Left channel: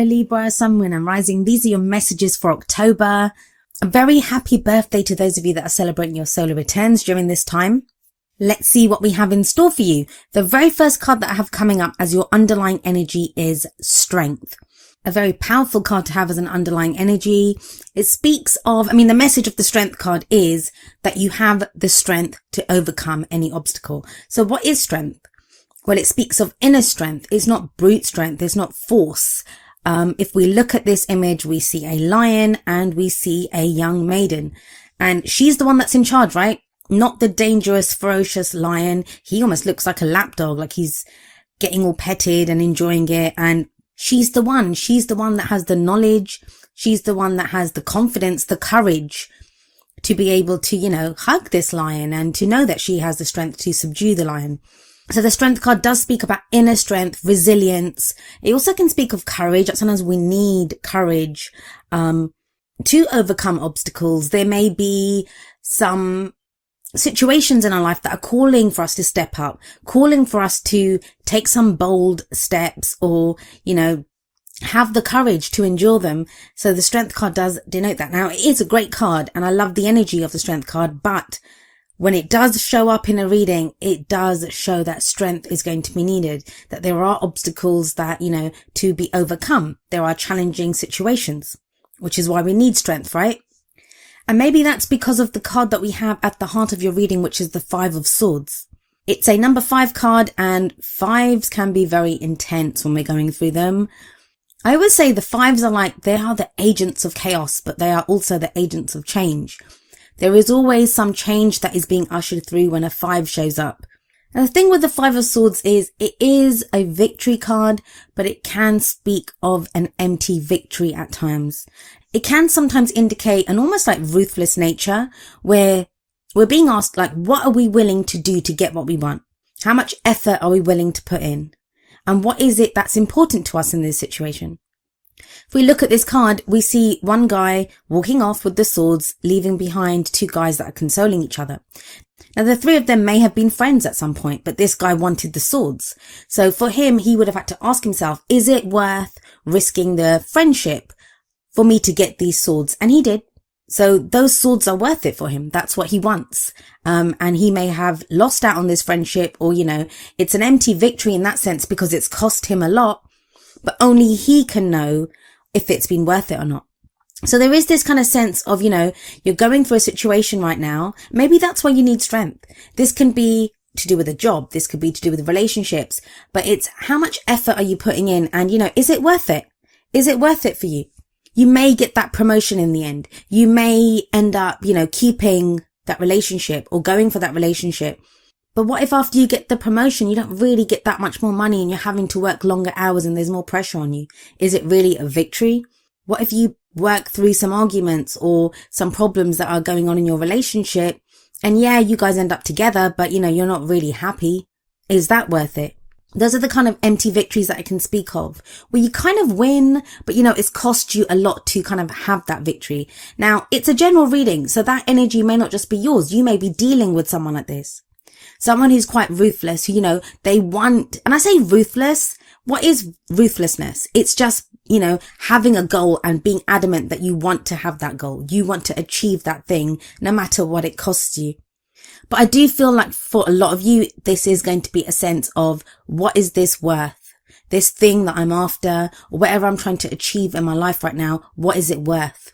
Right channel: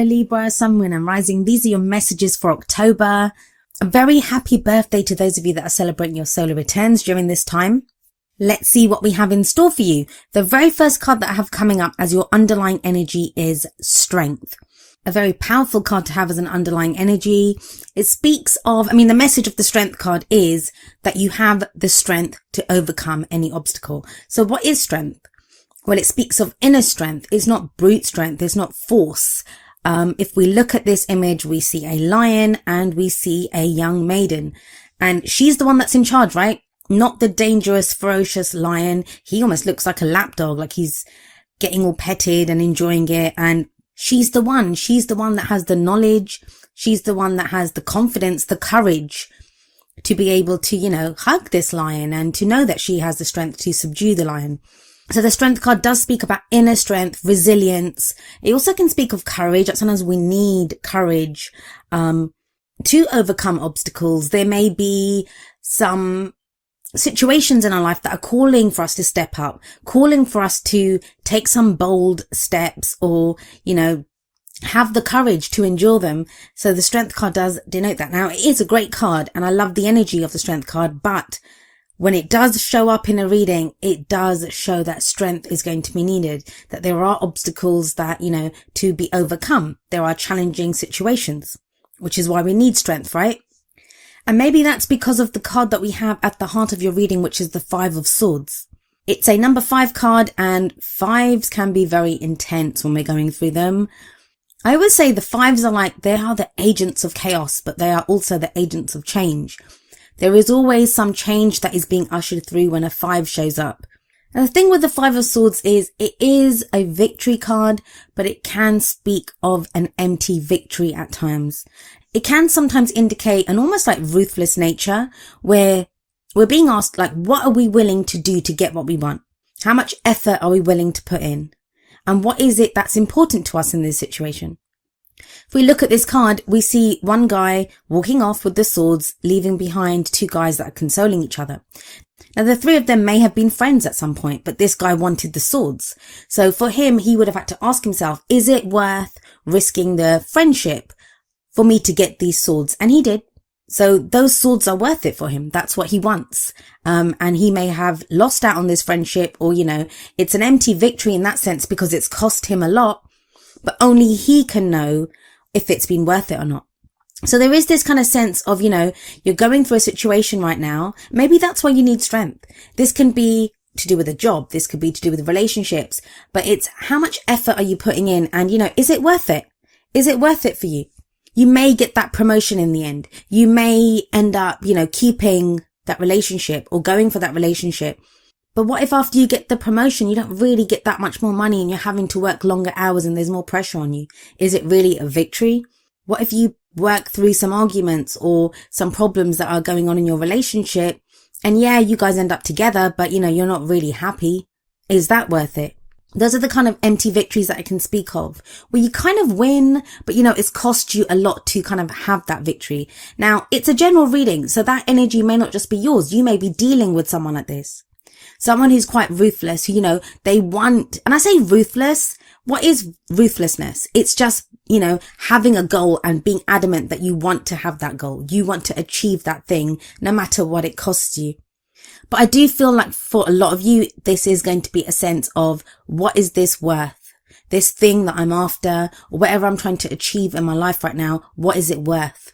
Hello Libra, Sun, Moon and Rising. These are your messages for October. A very happy birthday to those of you that are celebrating your solar returns during this time. Let's see what we have in store for you. The very first card that I have coming up as your underlying energy is Strength. A very powerful card to have as an underlying energy. It speaks of, the message of the Strength card is that you have the strength to overcome any obstacle. So what is strength? Well, it speaks of inner strength. It's not brute strength. It's not force. If we look at this image, we see a lion and we see a young maiden. And she's the one that's in charge, right? Not the dangerous, ferocious lion. He almost looks like a lapdog, like he's getting all petted and enjoying it. And she's the one. She's the one that has the knowledge. She's the one that has the confidence, the courage to be able to, hug this lion and to know that she has the strength to subdue the lion. So the Strength card does speak about inner strength, resilience. It also can speak of courage. Sometimes we need courage to overcome obstacles. There may be some situations in our life that are calling for us to step out, calling for us to take some bold steps or, have the courage to endure them. So the Strength card does denote that. Now, it is a great card and I love the energy of the Strength card, but when it does show up in a reading, it does show that strength is going to be needed, that there are obstacles that, to be overcome. There are challenging situations, which is why we need strength, right? And maybe that's because of the card that we have at the heart of your reading, which is the Five of Swords. It's a number 5 card and 5s can be very intense when we're going through them. I always say the 5s are they are the agents of chaos, but they are also the agents of change. There is always some change that is being ushered through when a 5 shows up. And the thing with the 5 of Swords is it is a victory card, but it can speak of an empty victory at times. It can sometimes indicate an almost ruthless nature where we're being asked what are we willing to do to get what we want? How much effort are we willing to put in? And what is it that's important to us in this situation? If we look at this card, we see one guy walking off with the swords, leaving behind 2 guys that are consoling each other. Now, the 3 of them may have been friends at some point, but this guy wanted the swords. So for him, he would have had to ask himself, is it worth risking the friendship for me to get these swords? And he did. So those swords are worth it for him. That's what he wants. And he may have lost out on this friendship or, it's an empty victory in that sense because it's cost him a lot, but only he can know if it's been worth it or not. So there is this kind of sense of, you're going through a situation right now. Maybe that's why you need strength. This can be to do with a job. This could be to do with relationships, but it's how much effort are you putting in? And, is it worth it? Is it worth it for you? You may get that promotion in the end. You may end up, keeping that relationship or going for that relationship. But what if after you get the promotion, you don't really get that much more money and you're having to work longer hours and there's more pressure on you? Is it really a victory? What if you work through some arguments or some problems that are going on in your relationship and you guys end up together, but you're not really happy? Is that worth it? Those are the kind of empty victories that I can speak of, where you kind of win, but it's cost you a lot to kind of have that victory. Now, it's a general reading, so that energy may not just be yours. You may be dealing with someone like this. Someone who's quite ruthless, they want, and I say ruthless, what is ruthlessness? It's just, having a goal and being adamant that you want to have that goal. You want to achieve that thing, no matter what it costs you. But I do feel like for a lot of you, this is going to be a sense of what is this worth? This thing that I'm after, or whatever I'm trying to achieve in my life right now, what is it worth?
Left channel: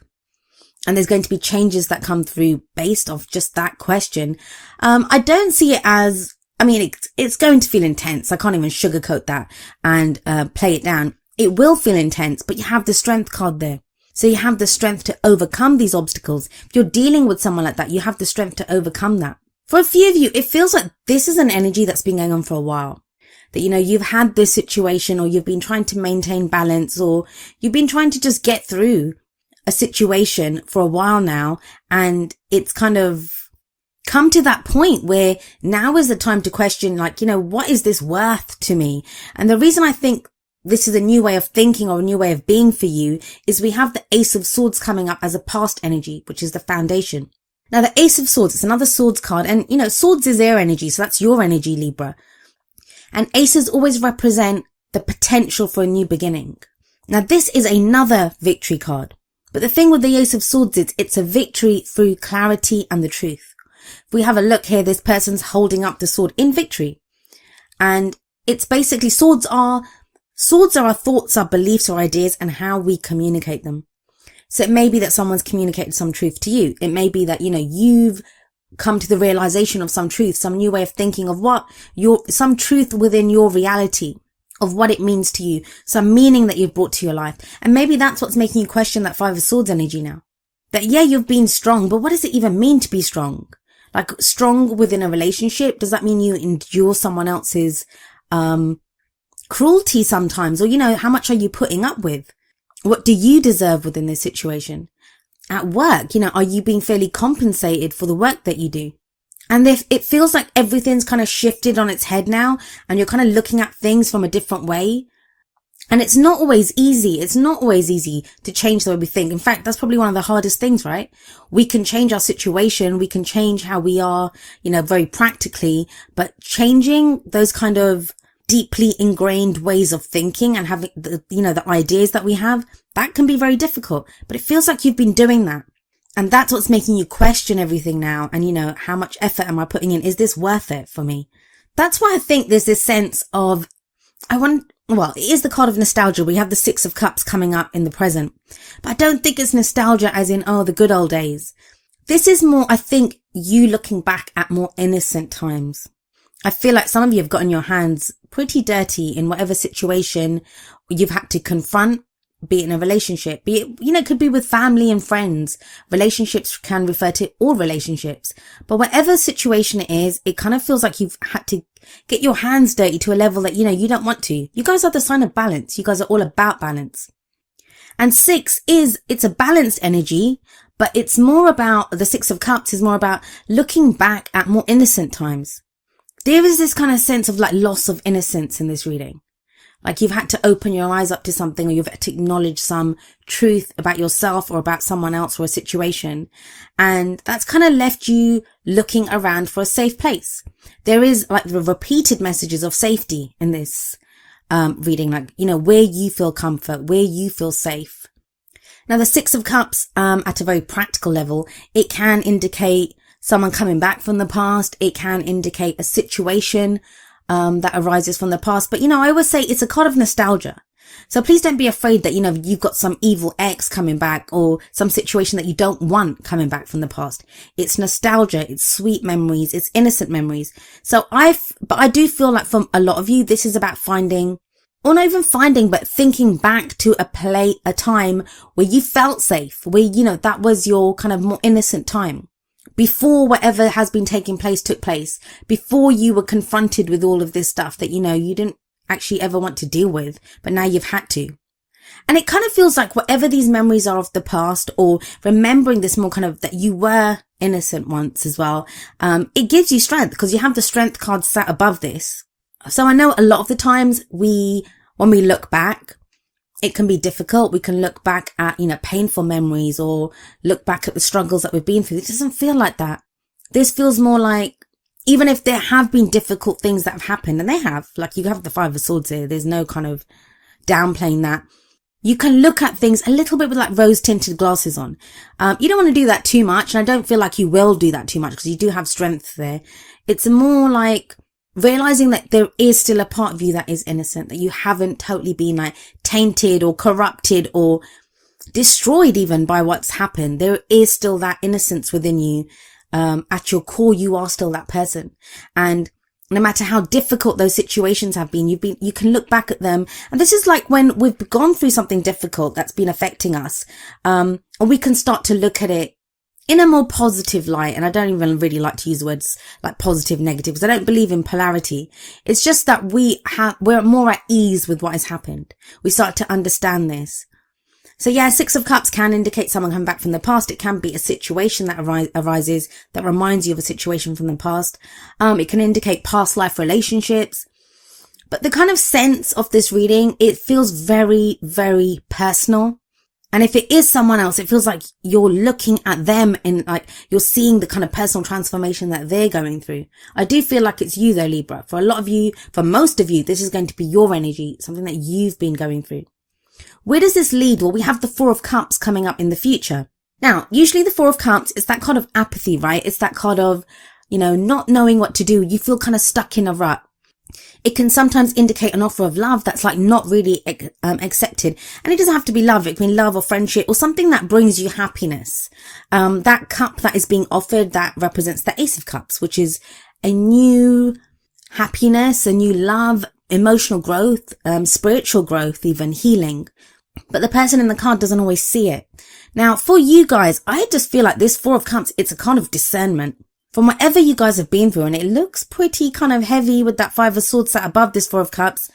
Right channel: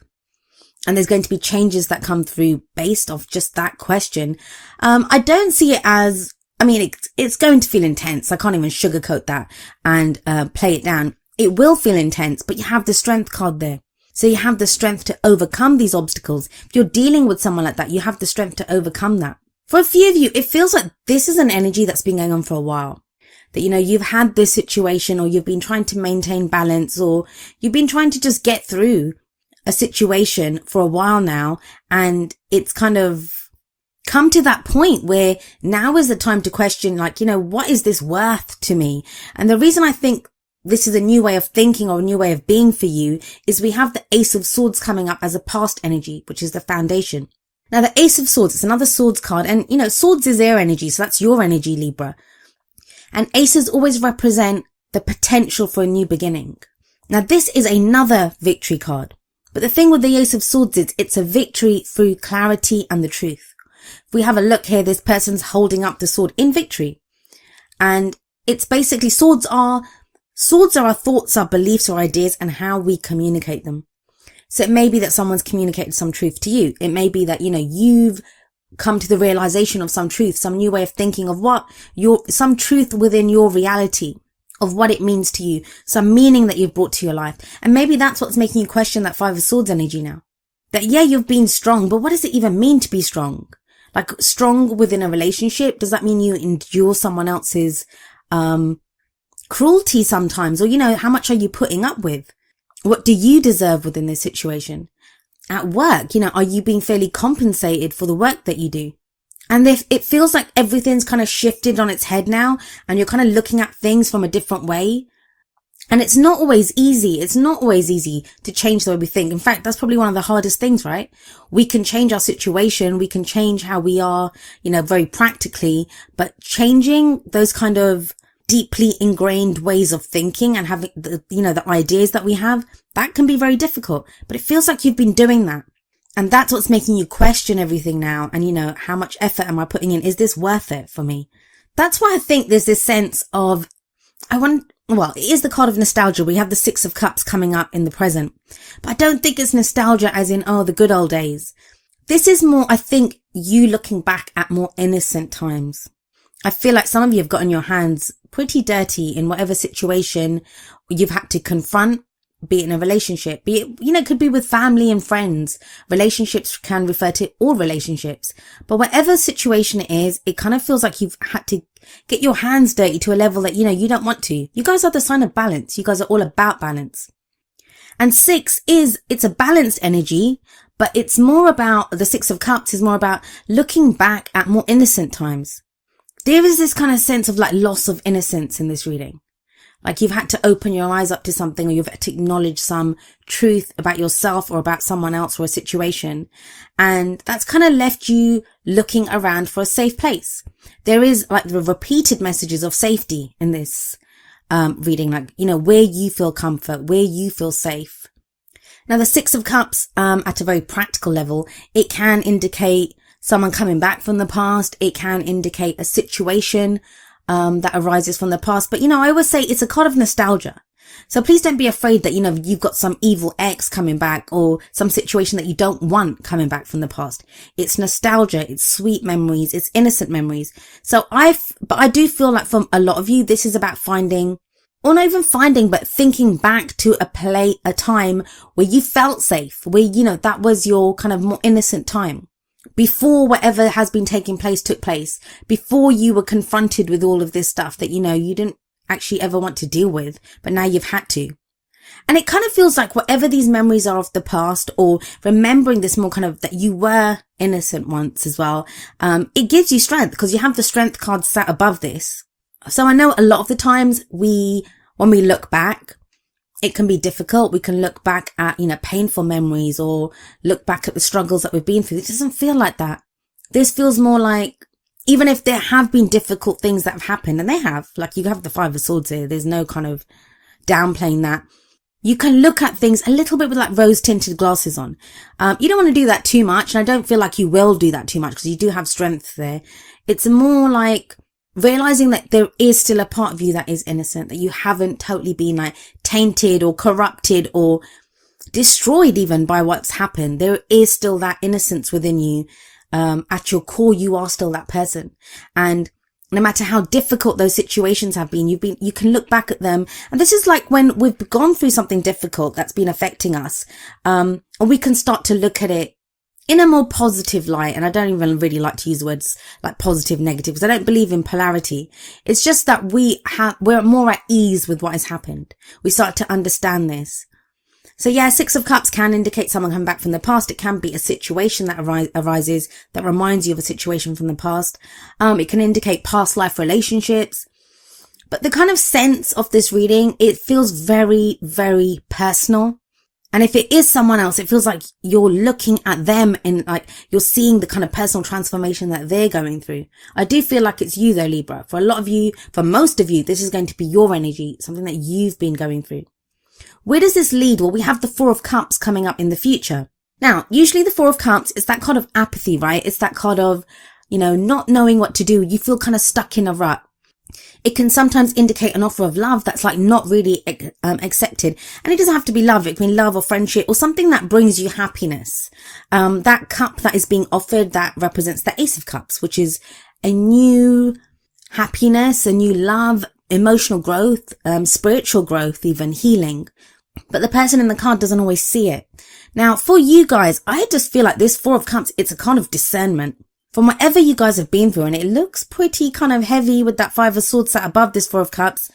And there's going to be changes that come through based off just that question. I don't see it as, it's going to feel intense. I can't even sugarcoat that and play it down. It will feel intense, but you have the Strength card there. So you have the strength to overcome these obstacles. If you're dealing with someone like that, you have the strength to overcome that. For a few of you, it feels like this is an energy that's been going on for a while. That, you've had this situation or you've been trying to maintain balance or you've been trying to just get through a situation for a while now, and it's kind of come to that point where now is the time to question, what is this worth to me? And the reason I think this is a new way of thinking or a new way of being for you is we have the Ace of Swords coming up as a past energy, which is the foundation. Now, the Ace of Swords, it's another swords card, and swords is air energy, so that's your energy, Libra. And aces always represent the potential for a new beginning. Now this is another victory card. But the thing with the Ace of Swords is it's a victory through clarity and the truth. If we have a look here, this person's holding up the sword in victory. And it's basically swords are our thoughts, our beliefs, our ideas, and how we communicate them. So it may be that someone's communicated some truth to you. It may be that, you've come to the realization of some truth, some new way of thinking of some truth within your reality of what it means to you, some meaning that you've brought to your life. And maybe that's what's making you question that Five of Swords energy now. That, yeah, you've been strong, but what does it even mean to be strong? Like, strong within a relationship, does that mean you endure someone else's cruelty sometimes? Or, how much are you putting up with? What do you deserve within this situation? At work, are you being fairly compensated for the work that you do? And if it feels like everything's kind of shifted on its head now, and you're kind of looking at things from a different way. And it's not always easy. It's not always easy to change the way we think. In fact, that's probably one of the hardest things, right? We can change our situation. We can change how we are, very practically, but changing those kind of deeply ingrained ways of thinking and having the ideas that we have, that can be very difficult. But it feels like you've been doing that. And that's what's making you question everything now. And, how much effort am I putting in? Is this worth it for me? That's why I think there's this sense of, it is the card of nostalgia. We have the Six of Cups coming up in the present. But I don't think it's nostalgia as in, the good old days. This is more, I think, you looking back at more innocent times. I feel like some of you have gotten your hands pretty dirty in whatever situation you've had to confront. Be it in a relationship, be it, it could be with family and friends. Relationships can refer to all relationships. But whatever situation it is, it kind of feels like you've had to get your hands dirty to a level that, you don't want to. You guys are the sign of balance. You guys are all about balance. And it's a balanced energy, but it's more about, the Six of Cups is more about looking back at more innocent times. There is this kind of sense of like loss of innocence in this reading. Like you've had to open your eyes up to something, or you've had to acknowledge some truth about yourself or about someone else or a situation. And that's kind of left you looking around for a safe place. There is like the repeated messages of safety in this reading, like, where you feel comfort, where you feel safe. Now, the Six of Cups, at a very practical level, it can indicate someone coming back from the past. It can indicate a situation that arises from the past. But, I always say it's a card of nostalgia. So please don't be afraid that, you've got some evil ex coming back or some situation that you don't want coming back from the past. It's nostalgia. It's sweet memories. It's innocent memories. But I do feel like for a lot of you, this is about finding, or not even finding, but thinking back to a time where you felt safe, where, that was your kind of more innocent time. Before whatever has been taking place took place, before you were confronted with all of this stuff that, you didn't actually ever want to deal with, but now you've had to. And it kind of feels like whatever these memories are of the past, or remembering this more kind of that you were innocent once as well, it gives you strength because you have the strength card sat above this. So I know a lot of the times when we look back, it can be difficult. We can look back at, painful memories or look back at the struggles that we've been through. It doesn't feel like that. This feels more like, even if there have been difficult things that have happened, and they have, like you have the Five of Swords here, there's no kind of downplaying that. You can look at things a little bit with like rose tinted glasses on. You don't want to do that too much. And I don't feel like you will do that too much because you do have strength there. It's more like realizing that there is still a part of you that is innocent, that you haven't totally been like tainted or corrupted or destroyed even by what's happened. There is still that innocence within you. At your core, you are still that person. And no matter how difficult those situations have been, you can look back at them. And this is like when we've gone through something difficult that's been affecting us. And we can start to look at it in a more positive light. And I don't even really like to use words like positive, negative, because I don't believe in polarity. It's just that we're more at ease with what has happened. We start to understand this. So yeah, Six of Cups can indicate someone coming back from the past. It can be a situation that arises that reminds you of a situation from the past. It can indicate past life relationships. But the kind of sense of this reading, it feels very, very personal. And if it is someone else, it feels like you're looking at them and like you're seeing the kind of personal transformation that they're going through. I do feel like it's you though, Libra. For a lot of you, for most of you, this is going to be your energy, something that you've been going through. Where does this lead? Well, we have the Four of Cups coming up in the future. Now, usually the Four of Cups is that kind of apathy, right? It's that kind of, not knowing what to do. You feel kind of stuck in a rut. It can sometimes indicate an offer of love that's like not really accepted. And it doesn't have to be love. It can be love or friendship or something that brings you happiness. That cup that is being offered, that represents the Ace of Cups, which is a new happiness, a new love, emotional growth, spiritual growth, even healing. But the person in the card doesn't always see it. Now, for you guys, I just feel like this Four of Cups, it's a kind of discernment. From whatever you guys have been through, and it looks pretty kind of heavy with that Five of Swords sat above this Four of Cups,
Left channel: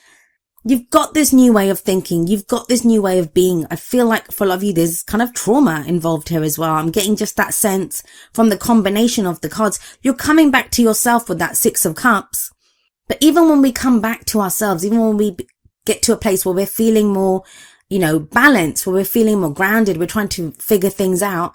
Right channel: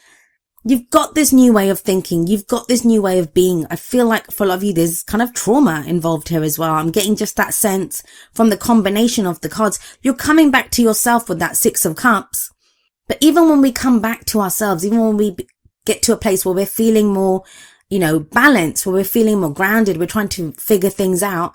you've got this new way of thinking. You've got this new way of being. I feel like for a lot of you, there's kind of trauma involved here as well. I'm getting just that sense from the combination of the cards. You're coming back to yourself with that Six of Cups. But even when we come back to ourselves, even when we get to a place where we're feeling more, balanced, where we're feeling more grounded, we're trying to figure things out,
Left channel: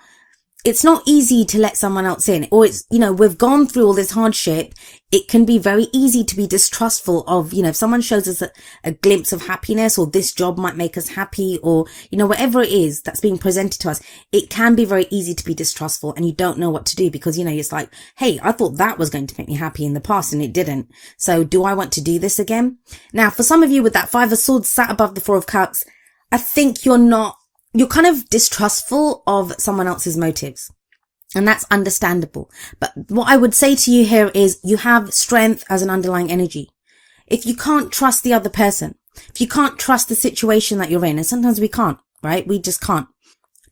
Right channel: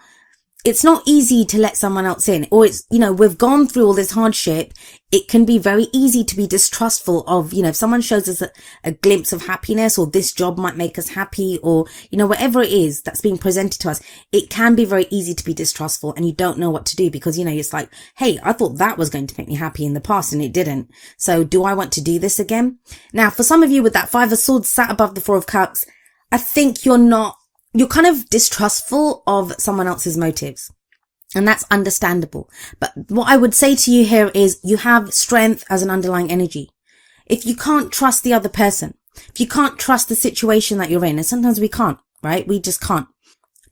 it's not easy to let someone else in. Or it's, we've gone through all this hardship. It can be very easy to be distrustful of, if someone shows us a glimpse of happiness, or this job might make us happy, or, whatever it is that's being presented to us, it can be very easy to be distrustful, and you don't know what to do because, it's like, hey, I thought that was going to make me happy in the past and it didn't. So do I want to do this again? Now, for some of you with that Five of Swords sat above the Four of Cups, I think you're kind of distrustful of someone else's motives. And that's understandable. But what I would say to you here is you have strength as an underlying energy. If you can't trust the other person, if you can't trust the situation that you're in, and sometimes we can't, right? We just can't.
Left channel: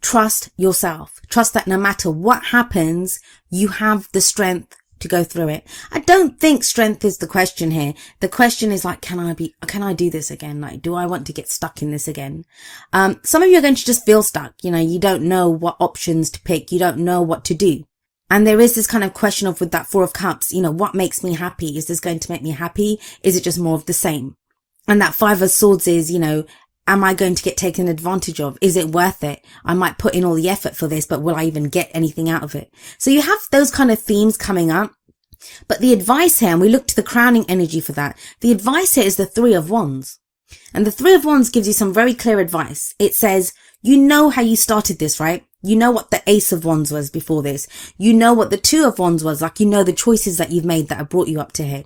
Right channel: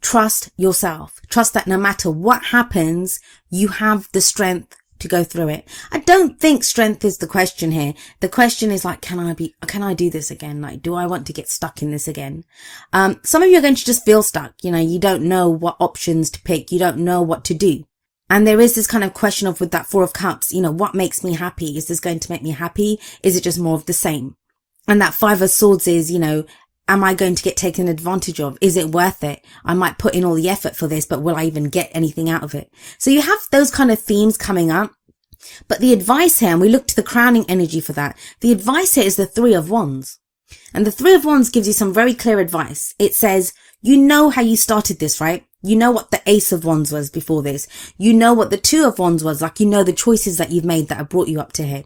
Trust yourself. Trust that no matter what happens, you have the strength to go through it. I don't think strength is the question here. The question is like, can I do this again? Like, do I want to get stuck in this again? Some of you are going to just feel stuck. You don't know what options to pick. You don't know what to do. And there is this kind of question of with that Four of Cups, what makes me happy? Is this going to make me happy? Is it just more of the same? And that Five of Swords is, am I going to get taken advantage of? Is it worth it? I might put in all the effort for this, but will I even get anything out of it? So you have those kind of themes coming up. But the advice here, and we look to the crowning energy for that, the advice here is the Three of Wands. And the Three of Wands gives you some very clear advice. It says, you know how you started this, right? You know what the Ace of Wands was before this. You know what the Two of Wands was, like the choices that you've made that have brought you up to here.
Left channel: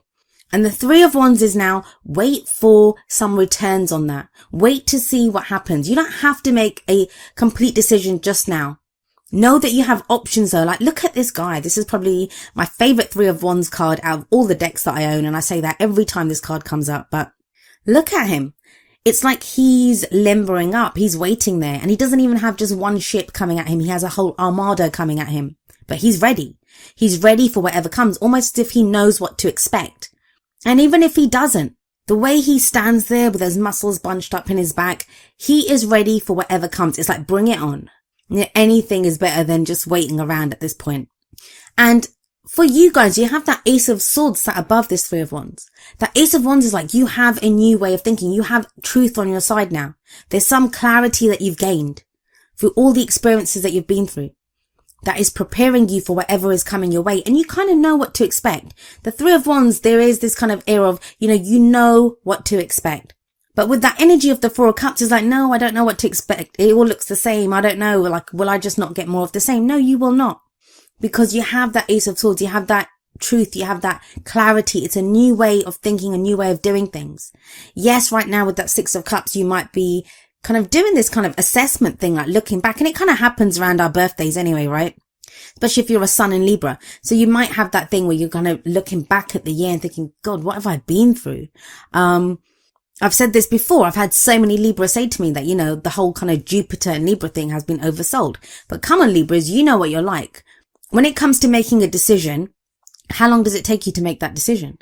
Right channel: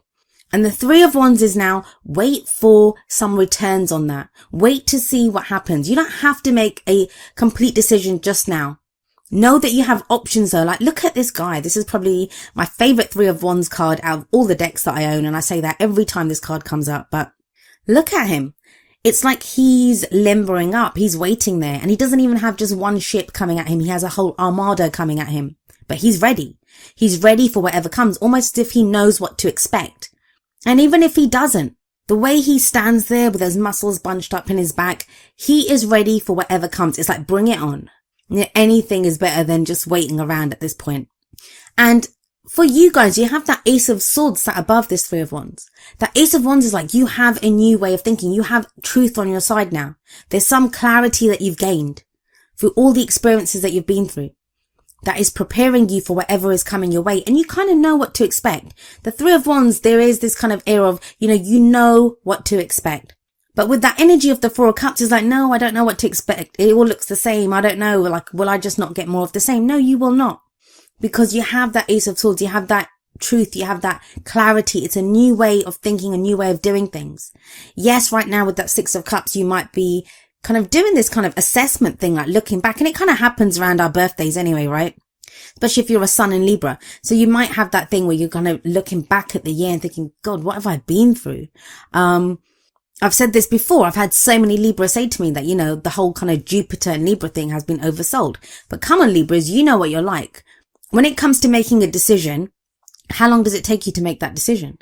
And the Three of Wands is now, wait for some returns on that. Wait to see what happens. You don't have to make a complete decision just now. Know that you have options though. Like, look at this guy. This is probably my favorite Three of Wands card out of all the decks that I own. And I say that every time this card comes up. But look at him. It's like he's limbering up. He's waiting there. And he doesn't even have just one ship coming at him. He has a whole armada coming at him. But he's ready. He's ready for whatever comes. Almost as if he knows what to expect. And even if he doesn't, the way he stands there with those muscles bunched up in his back, he is ready for whatever comes. It's like, bring it on. Anything is better than just waiting around at this point. And for you guys, you have that Ace of Swords sat above this Three of Wands. That Ace of Wands is like, you have a new way of thinking. You have truth on your side now. There's some clarity that you've gained through all the experiences that you've been through. That is preparing you for whatever is coming your way. And you kind of know what to expect. The Three of Wands, there is this kind of air of, you know what to expect. But with that energy of the Four of Cups, it's like, no, I don't know what to expect. It all looks the same. I don't know. Like, will I just not get more of the same? No, you will not. Because you have that Ace of Swords. You have that truth. You have that clarity. It's a new way of thinking, a new way of doing things. Yes, right now with that Six of Cups, you might be kind of doing this kind of assessment thing, like looking back, and it kind of happens around our birthdays anyway, right? Especially if you're a Sun in Libra. So you might have that thing where you're kind of looking back at the year and thinking, God, what have I been through? I've said this before. I've had so many Libras say to me that, the whole kind of Jupiter and Libra thing has been oversold. But come on, Libras, you know what you're like. When it comes to making a decision, how long does it take you to make that decision?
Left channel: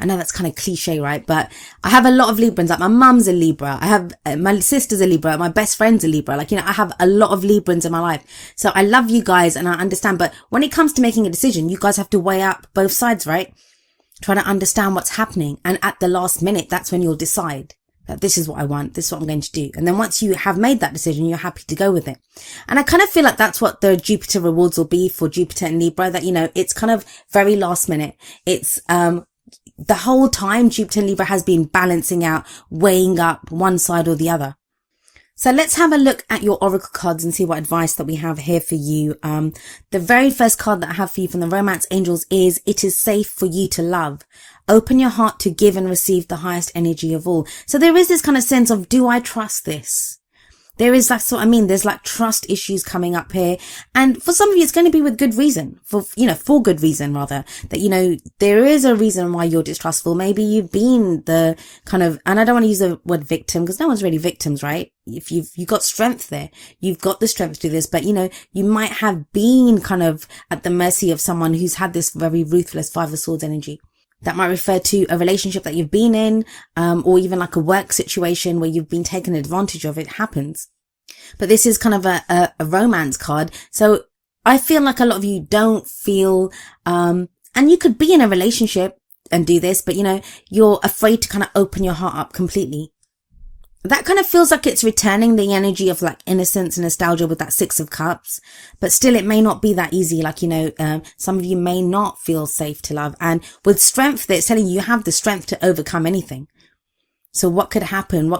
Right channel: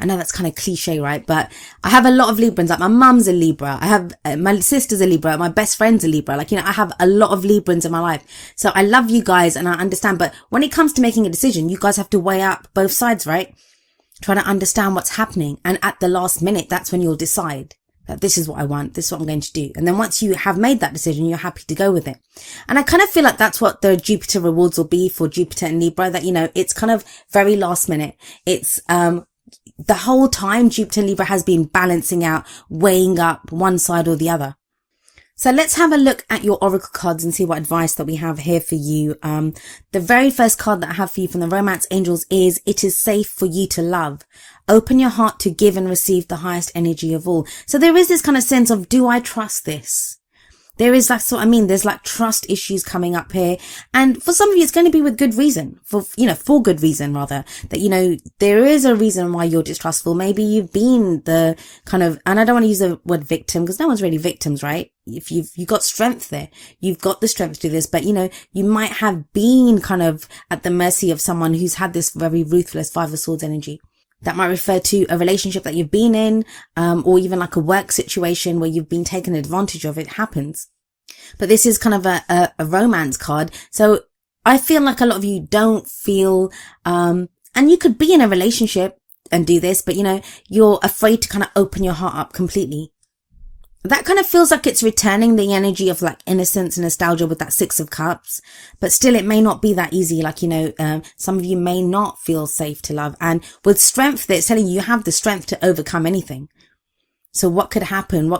I know that's kind of cliche, right? But I have a lot of Librans. Like, my mum's a Libra. I have my sister's a Libra. My best friend's a Libra. Like, I have a lot of Librans in my life. So I love you guys and I understand. But when it comes to making a decision, you guys have to weigh up both sides, right? Try to understand what's happening. And at the last minute, that's when you'll decide that this is what I want. This is what I'm going to do. And then once you have made that decision, you're happy to go with it. And I kind of feel like that's what the Jupiter rewards will be for Jupiter and Libra. That, it's kind of very last minute. It's, the whole time Jupiter and Libra has been balancing out, weighing up one side or the other. So let's have a look at your oracle cards and see what advice that we have here for you. The very first card that I have for you from the Romance Angels is, it is safe for you to love. Open your heart to give and receive the highest energy of all. So there is this kind of sense of, do I trust this? There is, that's what I mean. There's like trust issues coming up here. And for some of you, it's going to be with good reason, for good reason rather, that, there is a reason why you're distrustful. Maybe you've been the kind of, and I don't want to use the word victim because no one's really victims, right? If you've got strength there, you've got the strength to do this, but you might have been kind of at the mercy of someone who's had this very ruthless Five of Swords energy. That might refer to a relationship that you've been in, or even like a work situation where you've been taken advantage of. It happens. But this is kind of a romance card. So I feel like a lot of you don't feel, and you could be in a relationship and do this, but you're afraid to kind of open your heart up completely. That kind of feels like it's returning the energy of like innocence and nostalgia with that Six of Cups. But still, it may not be that easy. Like, some of you may not feel safe to love. And with strength, it's telling you have the strength to overcome anything. So what could happen?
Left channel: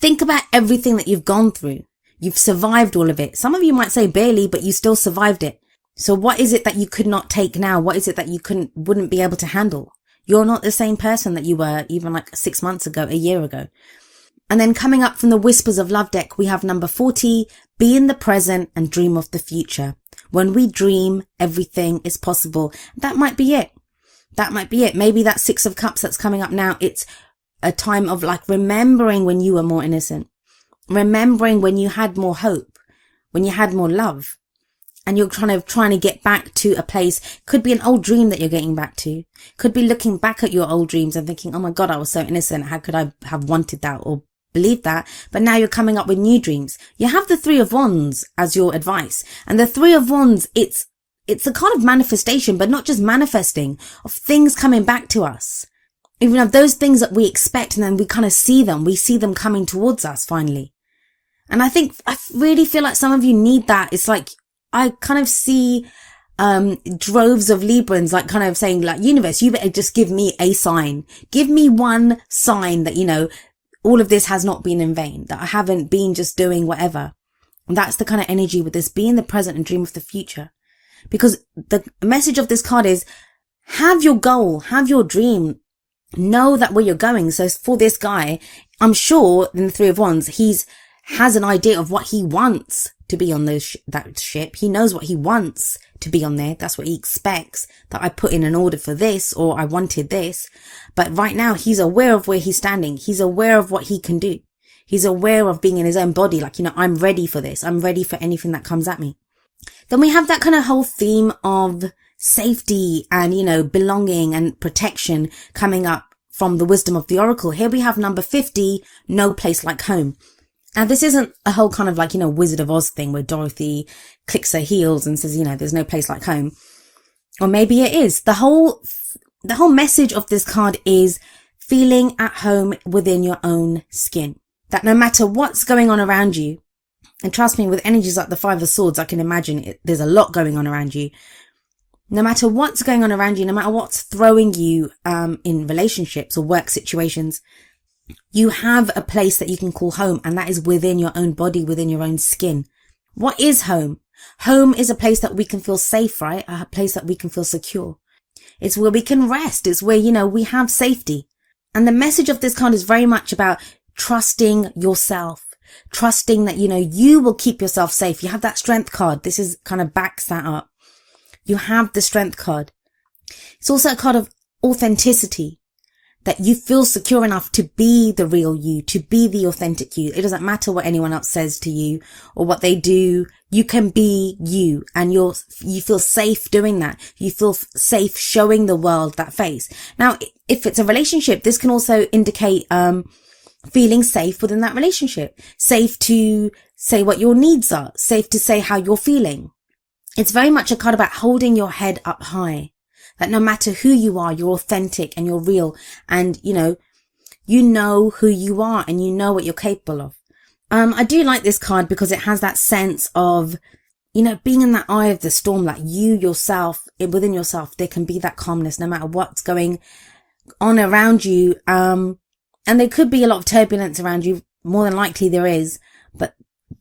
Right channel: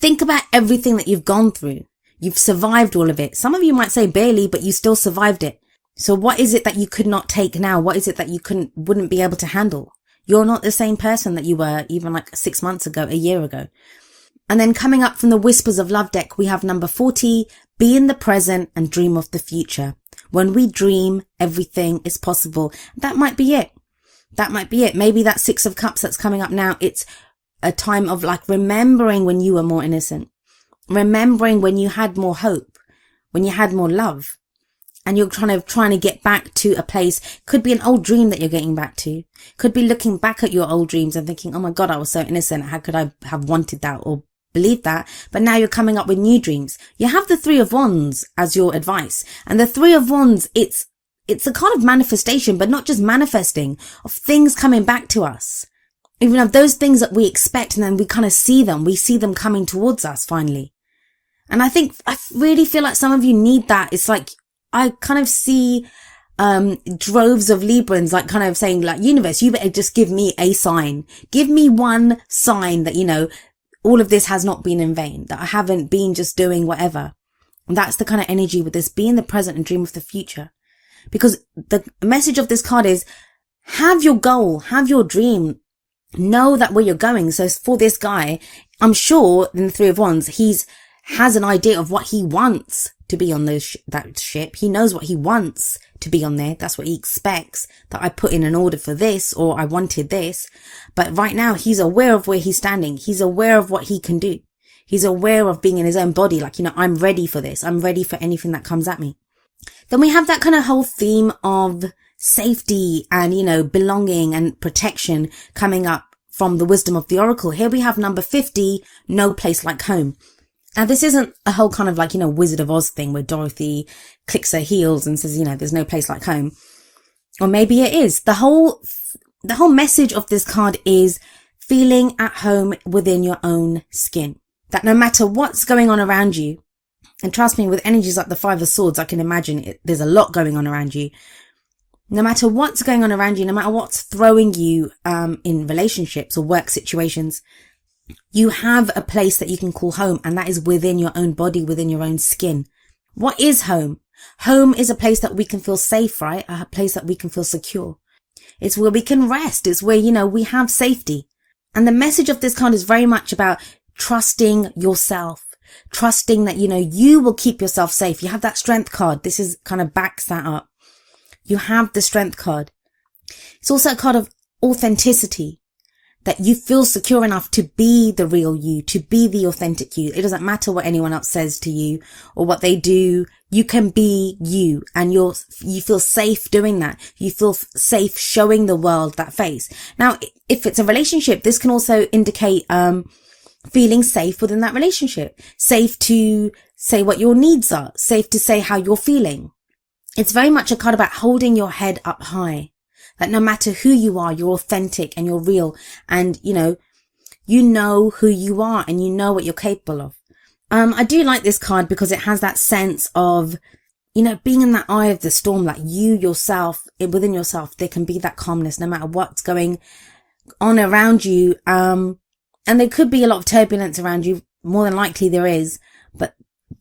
Think about everything that you've gone through. You've survived all of it. Some of you might say barely, but you still survived it. So what is it that you could not take now? What is it that you wouldn't be able to handle? You're not the same person that you were even like 6 months ago, a year ago. And then coming up from the Whispers of Love deck, we have number 40, be in the present and dream of the future. When we dream, everything is possible. That might be it. That might be it. Maybe that Six of Cups that's coming up now, it's a time of like remembering when you were more innocent. Remembering when you had more hope, when you had more love. And you're trying to get back to a place. Could be an old dream that you're getting back to. Could be looking back at your old dreams and thinking, oh my God, I was so innocent. How could I have wanted that or believed that? But now you're coming up with new dreams. You have the Three of Wands as your advice. And the Three of Wands, it's a kind of manifestation, but not just manifesting, of things coming back to us. Even of those things that we expect, and then we kind of see them. We see them coming towards us finally. And I really feel like some of you need that. It's like, I kind of see droves of Librans like kind of saying like, universe, you better just give me a sign. Give me one sign that, all of this has not been in vain, that I haven't been just doing whatever. And that's the kind of energy with this, be in the present and dream of the future. Because the message of this card is, have your goal, have your dream, know that where you're going. So for this guy, I'm sure in the Three of Wands, has an idea of what he wants to be on that ship. He knows what he wants to be on there. That's what he expects, that I put in an order for this, or I wanted this. But right now he's aware of where he's standing. He's aware of what he can do. He's aware of being in his own body. Like, I'm ready for this. I'm ready for anything that comes at me. Then we have that kind of whole theme of safety and, belonging and protection coming up from the wisdom of the oracle. Here we have number 50, no place like home. And this isn't a whole kind of like, Wizard of Oz thing where Dorothy clicks her heels and says, there's no place like home. Or maybe it is. The whole message of this card is feeling at home within your own skin. That no matter what's going on around you, and trust me, with energies like the Five of Swords, I can imagine there's a lot going on around you. No matter what's going on around you, no matter what's throwing you in relationships or work situations, you have a place that you can call home, and that is within your own body, within your own skin. What is home? Home is a place that we can feel safe, right? A place that we can feel secure. It's where we can rest. It's where, we have safety. And the message of this card is very much about trusting yourself, trusting that, you will keep yourself safe. You have that Strength card. This is kind of backs that up. You have the Strength card. It's also a card of authenticity. That you feel secure enough to be the real you, to be the authentic you. It doesn't matter what anyone else says to you or what they do. You can be you, and you feel safe doing that. You feel safe showing the world that face. Now, if it's a relationship, this can also indicate feeling safe within that relationship. Safe to say what your needs are. Safe to say how you're feeling. It's very much a card about holding your head up high. That no matter who you are, you're authentic and you're real, and you know who you are and you know what you're capable of. I do like this card because it has that sense of, being in the eye of the storm, like you yourself, and within yourself, there can be that calmness no matter what's going on around you. And there could be a lot of turbulence around you. More than likely there is, but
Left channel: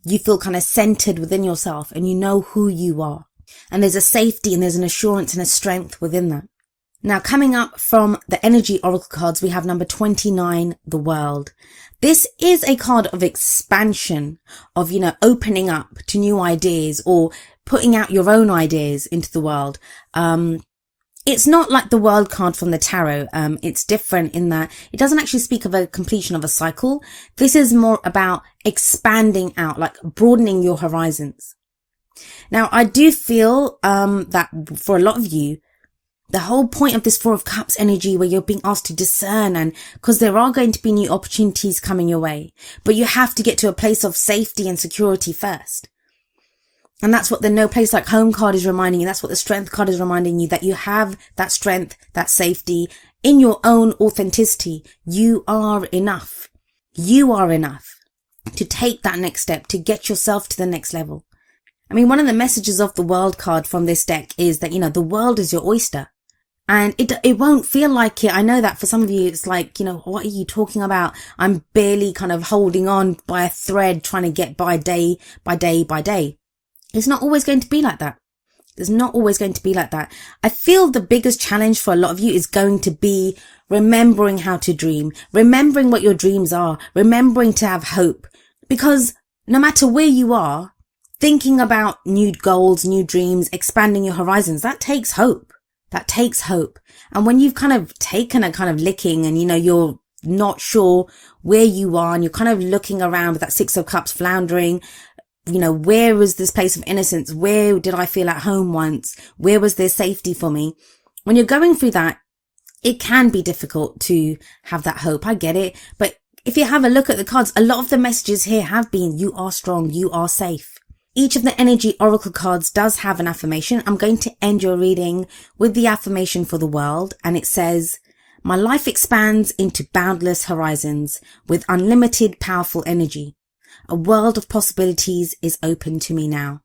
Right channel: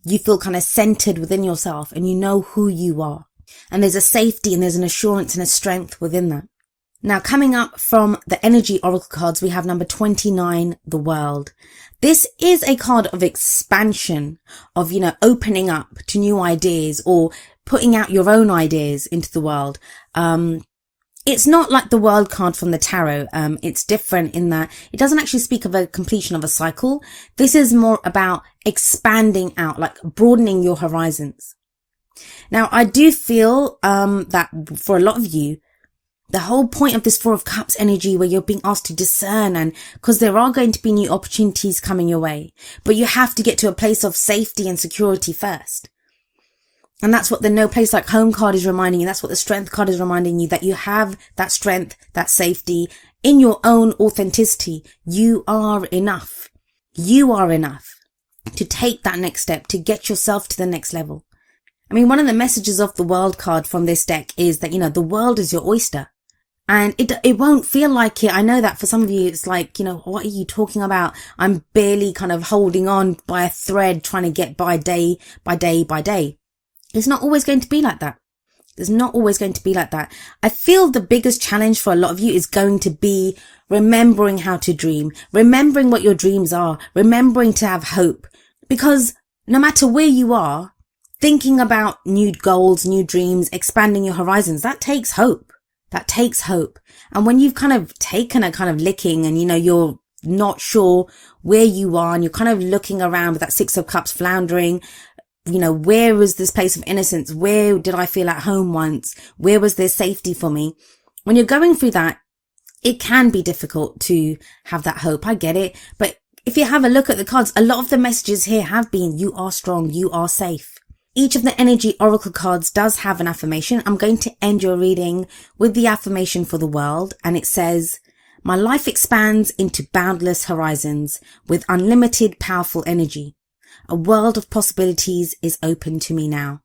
you feel kind of centered within yourself and you know who you are. And there's a safety and there's an assurance and a strength within that. Now, coming up from the energy oracle cards, we have number 29, the world. This is a card of expansion, of, opening up to new ideas or putting out your own ideas into the world. It's not like the world card from the tarot. It's different in that it doesn't actually speak of a completion of a cycle. This is more about expanding out, like broadening your horizons. Now, I do feel that for a lot of you, the whole point of this Four of Cups energy where you're being asked to discern, and because there are going to be new opportunities coming your way, but you have to get to a place of safety and security first. And that's what the no place like home card is reminding you. That's what the strength card is reminding you, that you have that strength, that safety in your own authenticity. You are enough. You are enough to take that next step, to get yourself to the next level. I mean, one of the messages of the world card from this deck is that, the world is your oyster. And it won't feel like it. I know that for some of you, it's like, what are you talking about? I'm barely kind of holding on by a thread, trying to get by day by day by day. It's not always going to be like that. It's not always going to be like that. I feel the biggest challenge for a lot of you is going to be remembering how to dream, remembering what your dreams are, remembering to have hope. Because no matter where you are, thinking about new goals, new dreams, expanding your horizons, that takes hope. That takes hope. And when you've kind of taken a kind of licking and, you're not sure where you are and you're kind of looking around with that Six of Cups floundering, where was this place of innocence? Where did I feel at home once? Where was there safety for me? When you're going through that, it can be difficult to have that hope. I get it. But if you have a look at the cards, a lot of the messages here have been, you are strong, you are safe. Each of the energy oracle cards does have an affirmation. I'm going to end your reading with the affirmation for the world. And it says, my life expands into boundless horizons with unlimited powerful energy. A world of possibilities is open to me now.